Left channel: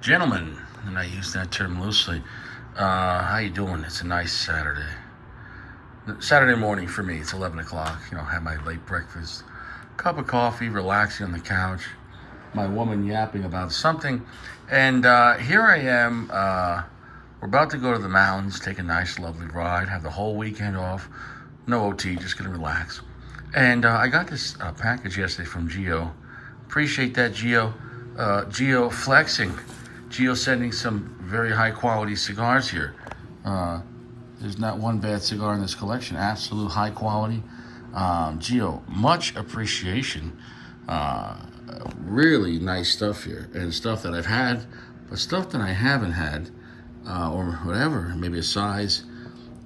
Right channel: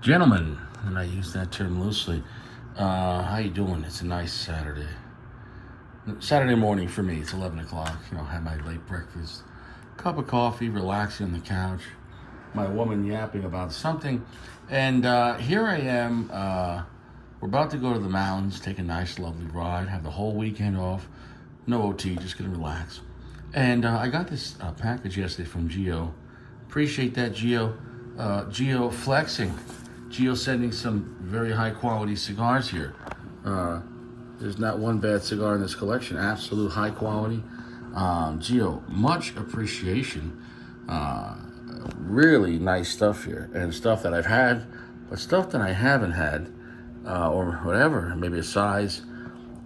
Gentlemen, and I use that term loosely. How you doing? It's a nice Saturday morning for me. It's 11 o'clock. Have my late breakfast, cup of coffee, relaxing on the couch. My woman yapping about something, and here I am. We're about to go to the mountains, take a nice, lovely ride, have the whole weekend off. No OT, just gonna relax. And I got this package yesterday from Geo. Appreciate that, Geo. Geo flexing. Geo sending some very high quality cigars here. There's not one bad cigar in this collection. Absolute high quality. Geo, much appreciation. Really nice stuff here, and stuff that I've had, but stuff that I haven't had, or whatever, maybe a size.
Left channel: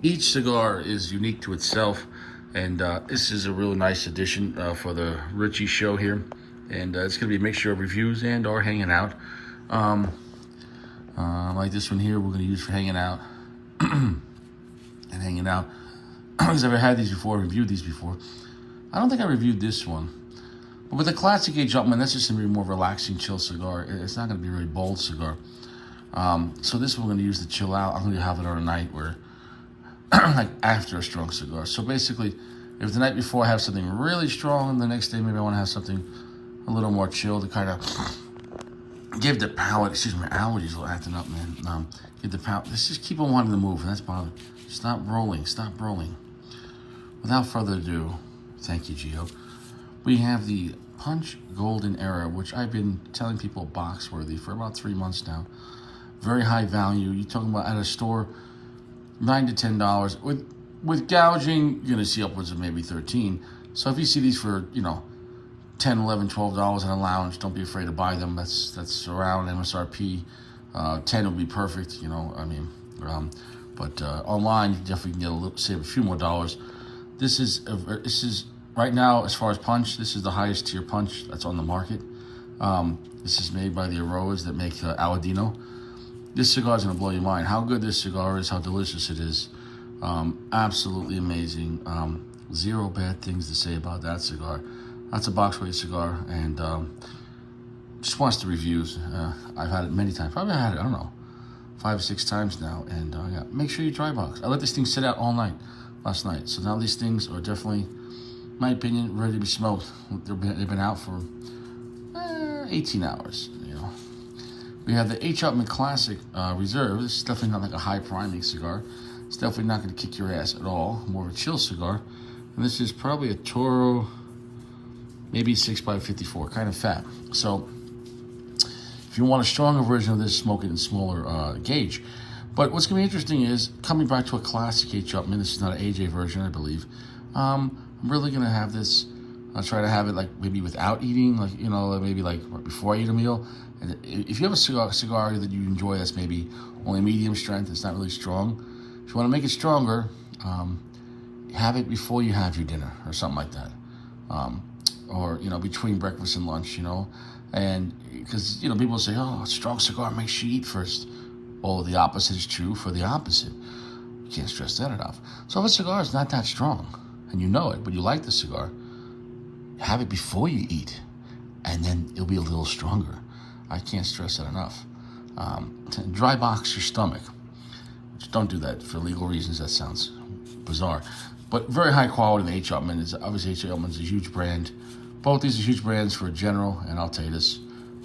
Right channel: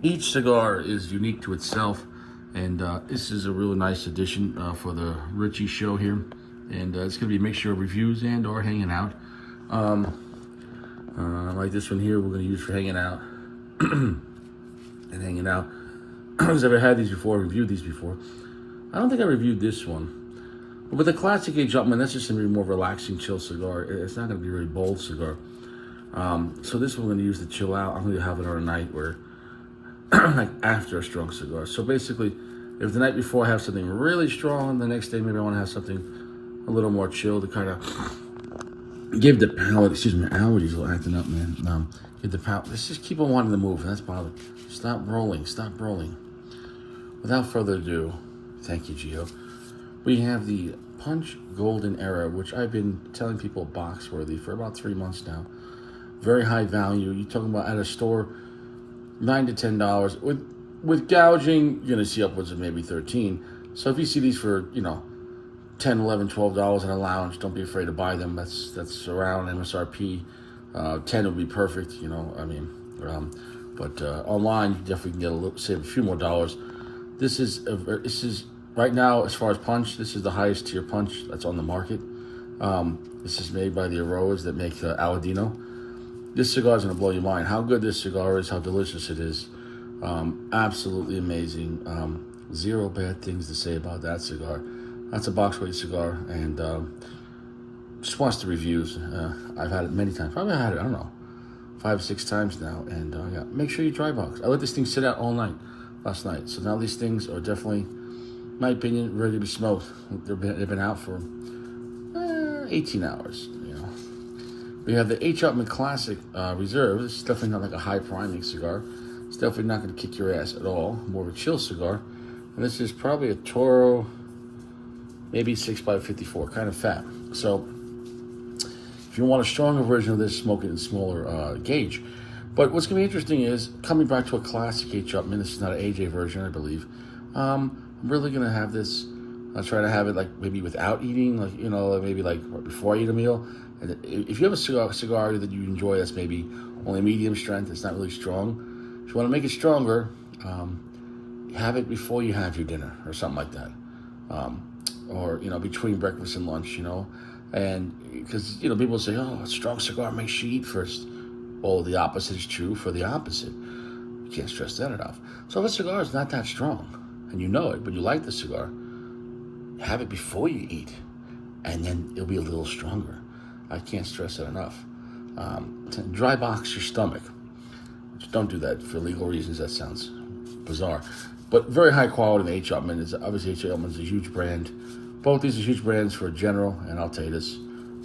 Each cigar is unique to itself, and this is a really nice addition for the Richie show here, and it's going to be a mixture of reviews and or hanging out. Like this one here, we're going to use for hanging out. And hanging out. I've never had these before, reviewed these before. I don't think I reviewed this one. But with the classic age Upman, that's just going to be a more relaxing, chill cigar. It's not going to be a really bold cigar. So this one we're going to use to chill out. I'm going to have it on a night where, like after a strong cigar. So basically, if the night before I have something really strong, the next day maybe I want to have something a little more chill to kind of give the palate, excuse me, allergies are acting up, man. Give the palate, let's just keep on wanting to move, and that's bothering. Stop rolling, stop rolling. Without further ado, thank you, Gio. We have the Punch Golden Era, which I've been telling people box worthy for about 3 months now. Very high value. You're talking about at a store, $9 to $10. With gouging, you're gonna see upwards of maybe 13. So if you see these for, $10, $11, $12 in a lounge, don't be afraid to buy them. That's around MSRP. 10 would be perfect, but online you definitely can save a few more dollars. This is right now, as far as punch, this is the highest tier punch that's on the market. This is made by the Aroas that make Aladino. This cigar is gonna blow your mind. How good this cigar is, how delicious it is. Absolutely amazing. Zero bad things to say about that cigar. That's a box weight cigar, and just watch the reviews. I've had it many times. Probably had it, I don't know, 5 or 6 times now. And yeah, make sure you dry box. I let this thing sit out all night last night. So now these things are definitely, in my opinion, ready to be smoked. They've been out for 18 hours. We have the H. Upman Classic Reserve. This is definitely not like a high priming cigar. It's definitely not going to kick your ass at all. More of a chill cigar. And this is probably a Toro, maybe 6x54, kind of fat. So if you want a stronger version of this, smoke it in smaller gauge. But what's going to be interesting is, coming back to a classic H. Upman, this is not an AJ version, I believe. I'm really going to have this, I'll try to have it like maybe without eating, like, maybe like before I eat a meal. And if you have a cigar that you enjoy that's maybe only medium strength, it's not really strong. If you want to make it stronger, have it before you have your dinner or something like that. Or, between breakfast and lunch, and because, people say, oh, a strong cigar makes you eat first. Well, the opposite is true for the opposite. You can't stress that enough. So if a cigar is not that strong, and you know it, but you like the cigar, have it before you eat, and then it'll be a little stronger. I can't stress that enough. Dry box your stomach. Just don't do that for legal reasons. That sounds bizarre. But very high quality in H. Upman. Obviously, H. Upman is a huge brand. Both these are huge brands for General and Altatus.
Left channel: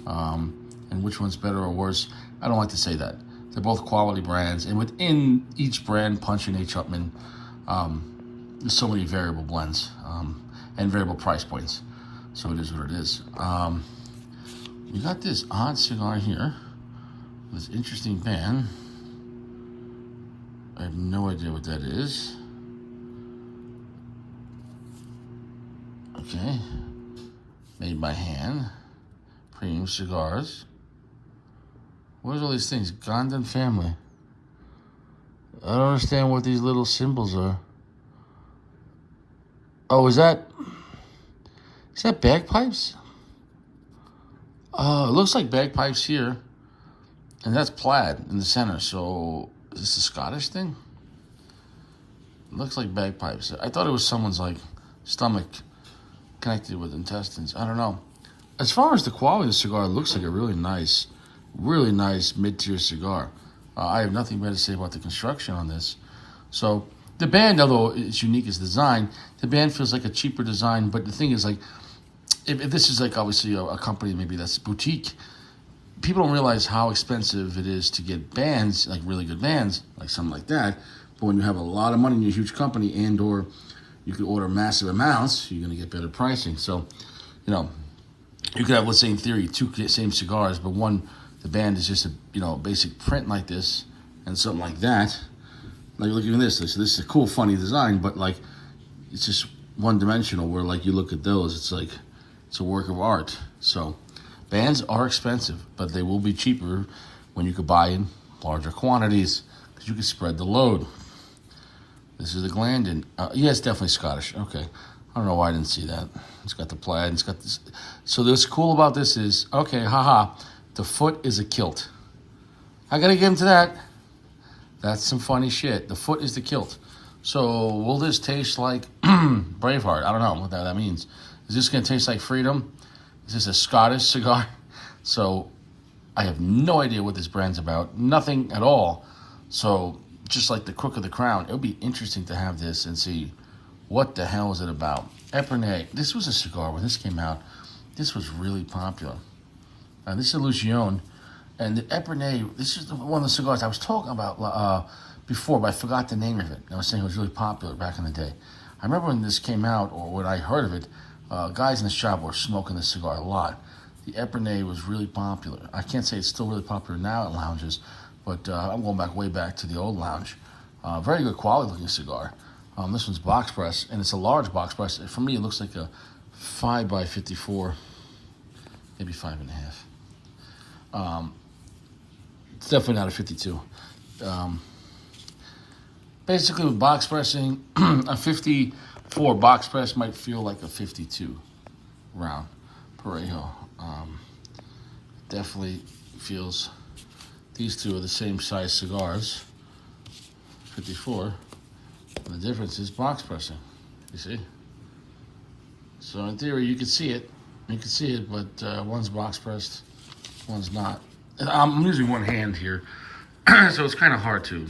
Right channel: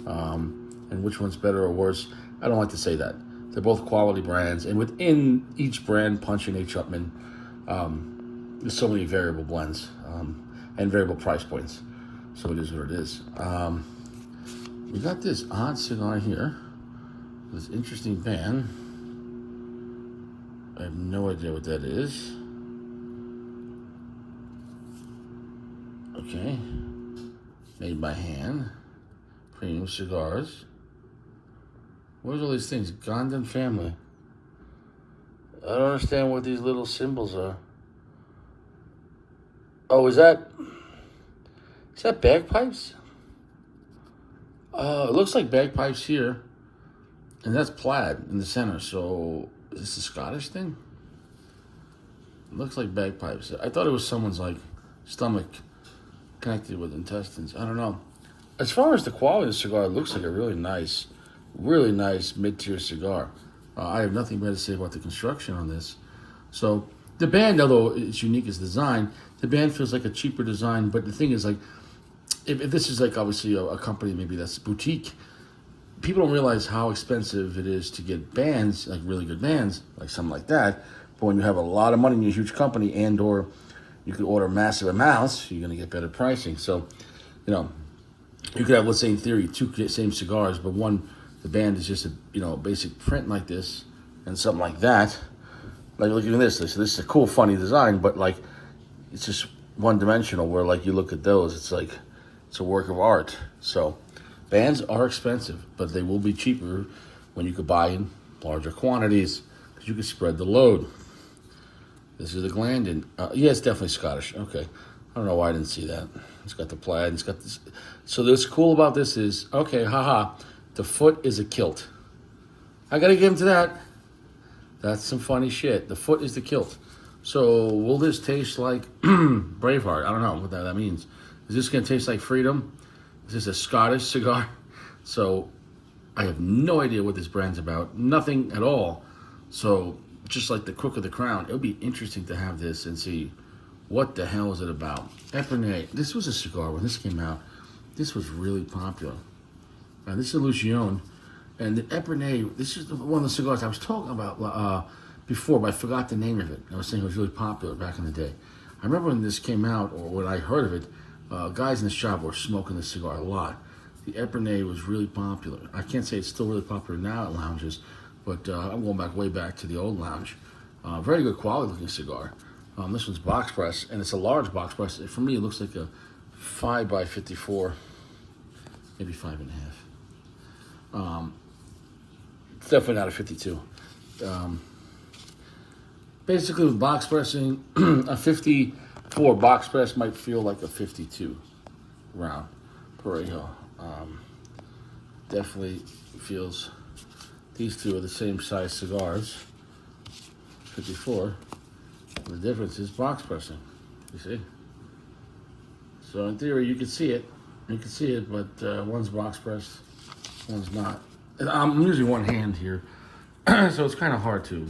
And which one's better or worse? I don't like to say that. They're both quality brands. And within each brand, Punch and H. Upman, there's so many variable blends and variable price points. So it is what it is. We got this odd cigar here. This interesting band. I have no idea what that is. Okay. Made by hand. Premium cigars. Where's all these things? Gondon family. I don't understand what these little symbols are. Oh, is that bagpipes? Oh, it looks like bagpipes here. And that's plaid in the center. So, is this a Scottish thing? It looks like bagpipes. I thought it was someone's like stomach connected with intestines. I don't know. As far as the quality of the cigar, it looks like a really nice Really nice mid-tier cigar. I have nothing bad to say about the construction on this. So the band, although it's unique as design, the band feels like a cheaper design. But the thing is, like, if this is like obviously a company maybe that's boutique, people don't realize how expensive it is to get bands, like really good bands, like something like that. But when you have a lot of money in your huge company, and or you could order massive amounts, you're gonna get better pricing. So, you know, you could have, let's say in theory, two same cigars, but one, the band is just a basic print like this, and something like that. Like, look at this. So this is a cool, funny design, but like, it's just one dimensional. Where like you look at those, it's like it's a work of art. So bands are expensive, but they will be cheaper when you could buy in larger quantities because you can spread the load. This is the Glandon. Yeah, it's definitely Scottish. Okay. I don't know why I didn't see that. It's got the plaid. It's got this. So what's cool about this is, okay, haha, the foot is a kilt. I got to give him to that. That's some funny shit. The foot is the kilt. So will this taste like Braveheart? I don't know what that means. Is this going to taste like Freedom? Is this a Scottish cigar? So I have no idea what this brand's about. Nothing at all. So just like the Crook of the Crown, it would be interesting to have this and see what the hell is it about. Epernay. This was a cigar when this came out. This was really popular. This is a Lucione. And the Epernay, this is one of the cigars I was talking about before, but I forgot the name of it. I was saying it was really popular back in the day. I remember when this came out, or when I heard of it, guys in the shop were smoking this cigar a lot. The Epernay was really popular. I can't say it's still really popular now at lounges, but I'm going way back to the old lounge. Very good quality looking cigar. This one's box press, and it's a large box press. For me, it looks like a 5x54, maybe 5.5. It's definitely not a 52. Basically, with box pressing, a 54 box press might feel like a 52 round Parejo. Definitely feels these two are the same size cigars, 54. And the difference is box pressing, you see? So in theory, you could see it. You can see it, but one's box pressed, one's not. I'm using one hand here, so it's kind of hard to.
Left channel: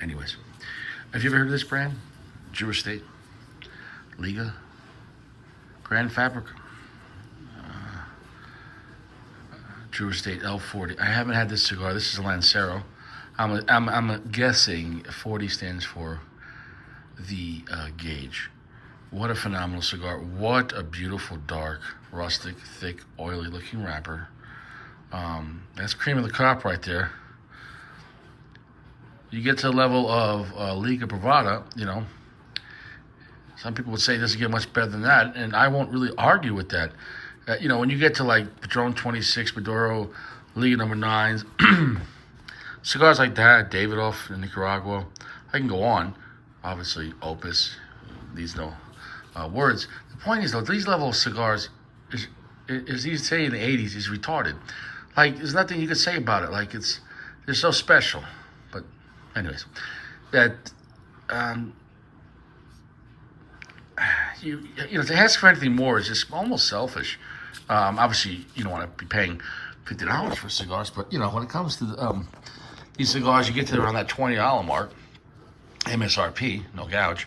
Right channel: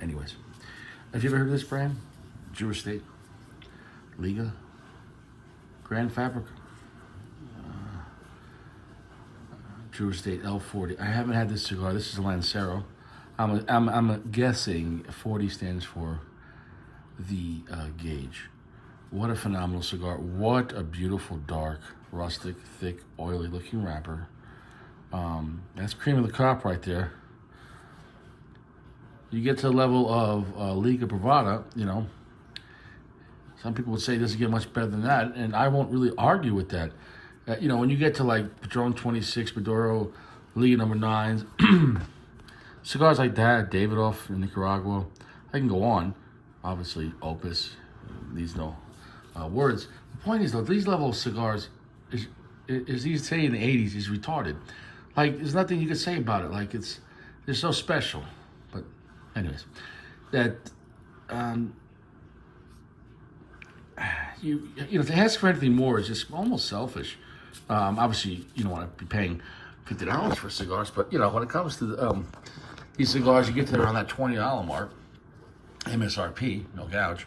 Anyways, have you ever heard of this brand? Jewish State, Liga, Grand Fabric, Jewish State L40. I haven't had this cigar. This is a Lancero. I'm guessing 40 stands for the gauge. What a phenomenal cigar. What a beautiful, dark, rustic, thick, oily looking wrapper. That's cream of the crop right there. You get to the level of Liga Privada, you know, some people would say it doesn't get much better than that, and I won't really argue with that. You know, when you get to like Padron 26, Maduro, Liga number 9s, cigars like that, Davidoff in Nicaragua, I can go on. Obviously, Opus, these no words. The point is, though, these level of cigars, as you say in the 80s, is retarded. Like, there's nothing you can say about it. Like, they're so special. But, anyways, that, you know, to ask for anything more is just almost selfish. Obviously, you don't want to be paying $50 for cigars, but, you know, when it comes to these cigars, you get to around that $20 mark, MSRP, no gouge,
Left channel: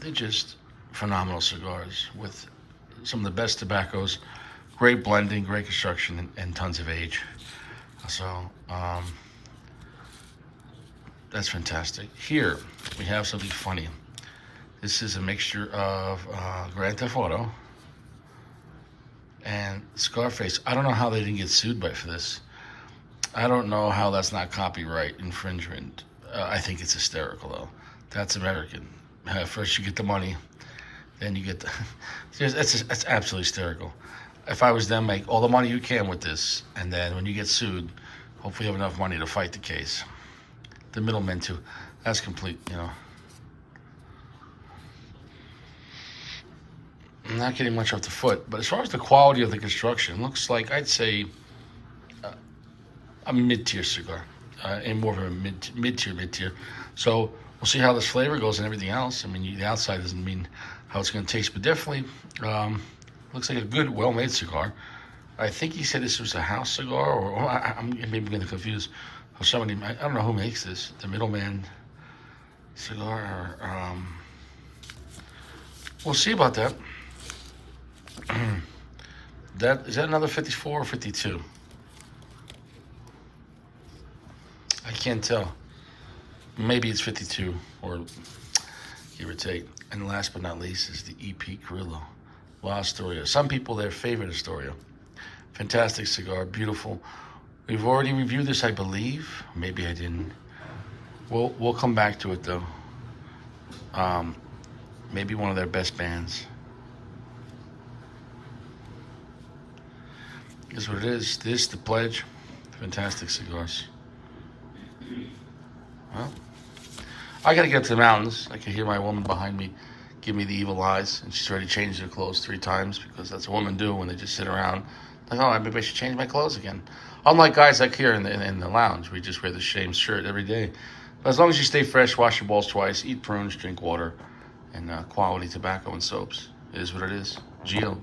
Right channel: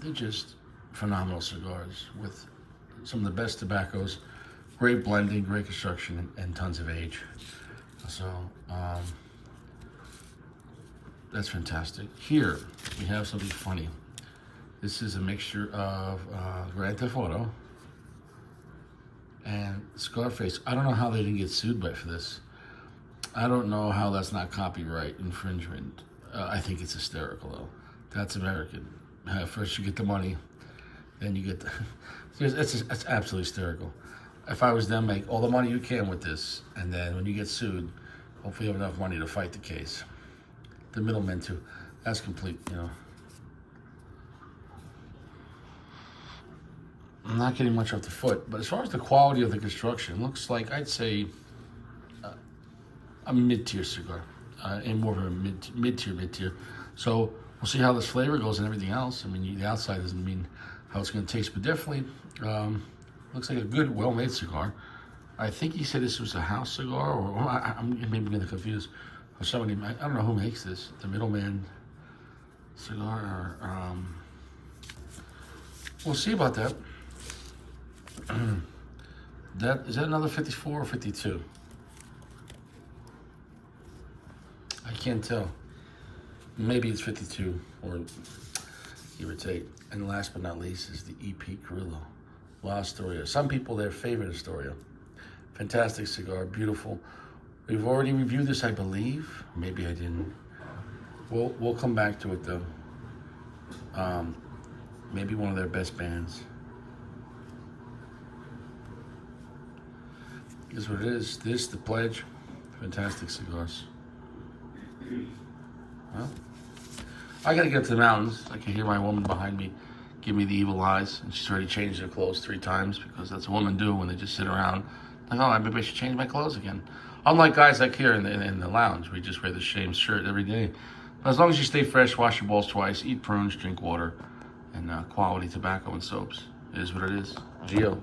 they're just phenomenal cigars with some of the best tobaccos, great blending, great construction, and tons of age. So that's fantastic. Here we have something funny. This is a mixture of Grand Theft Auto and Scarface. I don't know how they didn't get sued for this. I don't know how that's not copyright infringement. I think it's hysterical, though. That's American. First you get the money, then you get the... That's absolutely hysterical. If I was them, make all the money you can with this, and then when you get sued, hopefully you have enough money to fight the case. The middlemen, too. That's complete, you know. I'm not getting much off the foot, but as far as the quality of the construction, looks like, I'd say, a mid-tier cigar, and more of a mid-tier. So we'll see how this flavor goes and everything else. I mean, the outside doesn't mean how it's going to taste, but definitely looks like a good, well-made cigar. I think he said this was a house cigar, or I'm maybe getting confused. Or somebody, I don't know who makes this. The Middleman cigar. Or, we'll see about that. Is that another 54 or 52? I can't tell. Maybe it's 52 or give or take. And last but not least is the EP Carrillo La Astoria. Some people, their favorite Astoria. Fantastic cigar, beautiful. We've already reviewed this, I believe. Maybe I didn't. We'll come back to it though. Maybe one of their best bands. Here's what it is. This, the Pledge. Fantastic cigars. Well, I gotta get to the mountains. I can hear my woman behind me give me the evil eyes, and she's already changed her clothes 3 times because that's what women do when they just sit around. Like, oh, maybe I should change my clothes again. Unlike guys like here in the lounge, we just wear the same shirt every day. But as long as you stay fresh, wash your balls twice, eat prunes, drink water, and quality tobacco and soaps. It is what it is. Gio.